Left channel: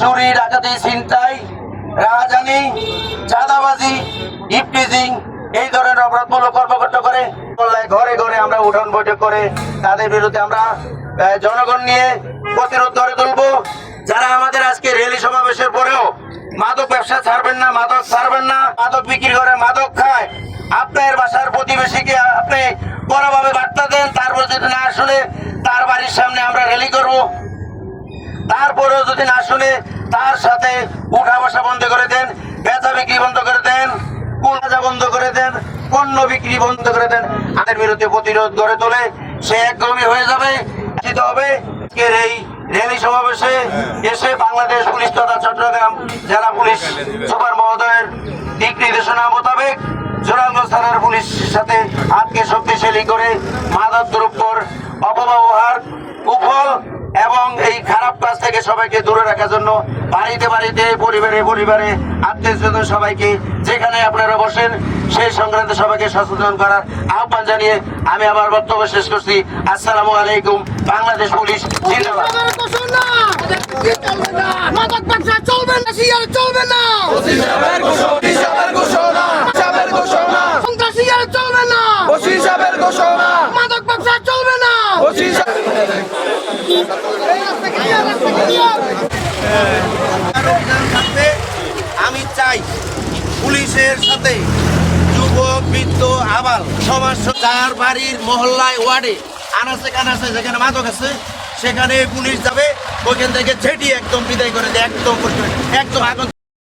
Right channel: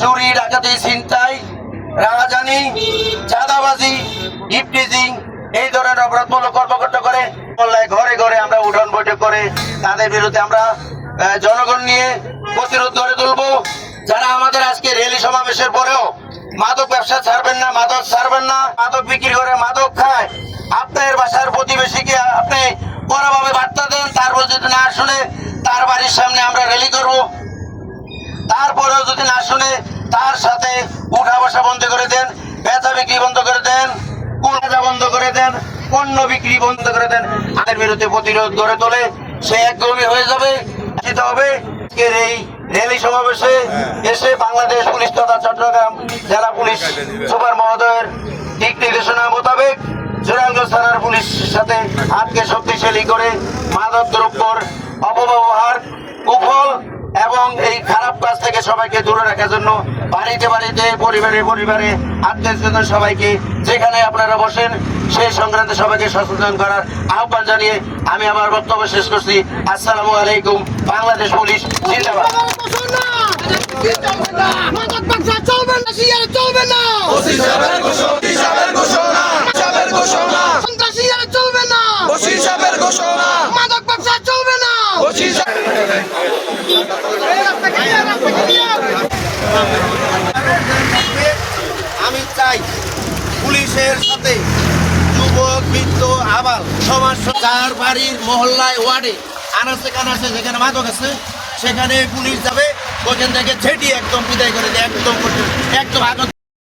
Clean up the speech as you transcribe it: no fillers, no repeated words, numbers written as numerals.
চুরি, ডাকাতি, ছিনতাই, রাহাজানি, চাঁদাবাজি, ইফটিজিং এই ধরনের অপরাধমূলক কর্মকাণ্ড করে ঘরে ঘরে আমরা উঠান বৈঠক করে তাদের বিরুদ্ধে আমরা জনগণ নিয়ে প্রতিরোধ গড়ে তুলবো। যারা আমাদের আজকে র্যালি সমাবেশের পরেও মাদক ব্যবসা ছাড়বেন না, মাদক ছাড়বেন না, মাদক বিক্রি করে মাদক খায়, আপনার বাসার প্রতিবেশীকে আপনি বড়ভাবে বার্তা দেন, তারপর যদি না শুনে তার বাড়ির সামনে আমরা র্যালি করব। তারপরেও যদি না শুনে তার সাথে উঠা বসা বন্ধ করে দেন, বেচা বিক্রি বন্ধ করে দেন, কুলজা বন্ধ করে দেন, পণ্য বিক্রি বন্ধ করে দেন, তাদের বিরুদ্ধে প্রতিরোধ গড়ে তোলে সে একগমী হয়ে যাবে হবে। এই র্যালি সমাবেশে এসে বাংলাদেশ পুলিশ তথা চট্টগ্রাম জেলা পুলিশ সুপার মহোদয়ের দিক নির্দেশনা মোতাবেক জোরাঙ্গঞ্জ থানার পুলিশের সাথে হাতকে শক্তিশালী করে মাদক দ্রব্যর অপব্যবহার, কুফল এবং এই খারাপ কাজ থেকে সবাইকে দূরে রাখার জন্য বাড়িতে বাড়িতে, পরিবারে পরিবারে, আত্মীয় স্বজন সবাইকে যেখানে আপনারা বসেন সেই সংক্রান্তে সবাইকে সচেতন করার আহ্বান জানিয়ে আমি আমার বক্তব্য শেষ করছি। আসসালামু আলাইকুম। বাংলাদেশ পুলিশ জিন্দাবাদ। আমি চাই পুলিশের সাথে যুবক, বৃদ্ধ, আবাল সমাজ, যার বাড়ির মহল্লায়, ওয়ার্ডে আনাচে কানাচে যেখানে মাদক আছে সেখানে পুলিশ যাবে, ওইখান থেকে ছেটিয়ে একদম বিদায় করে দেয়, একদম একদম আগত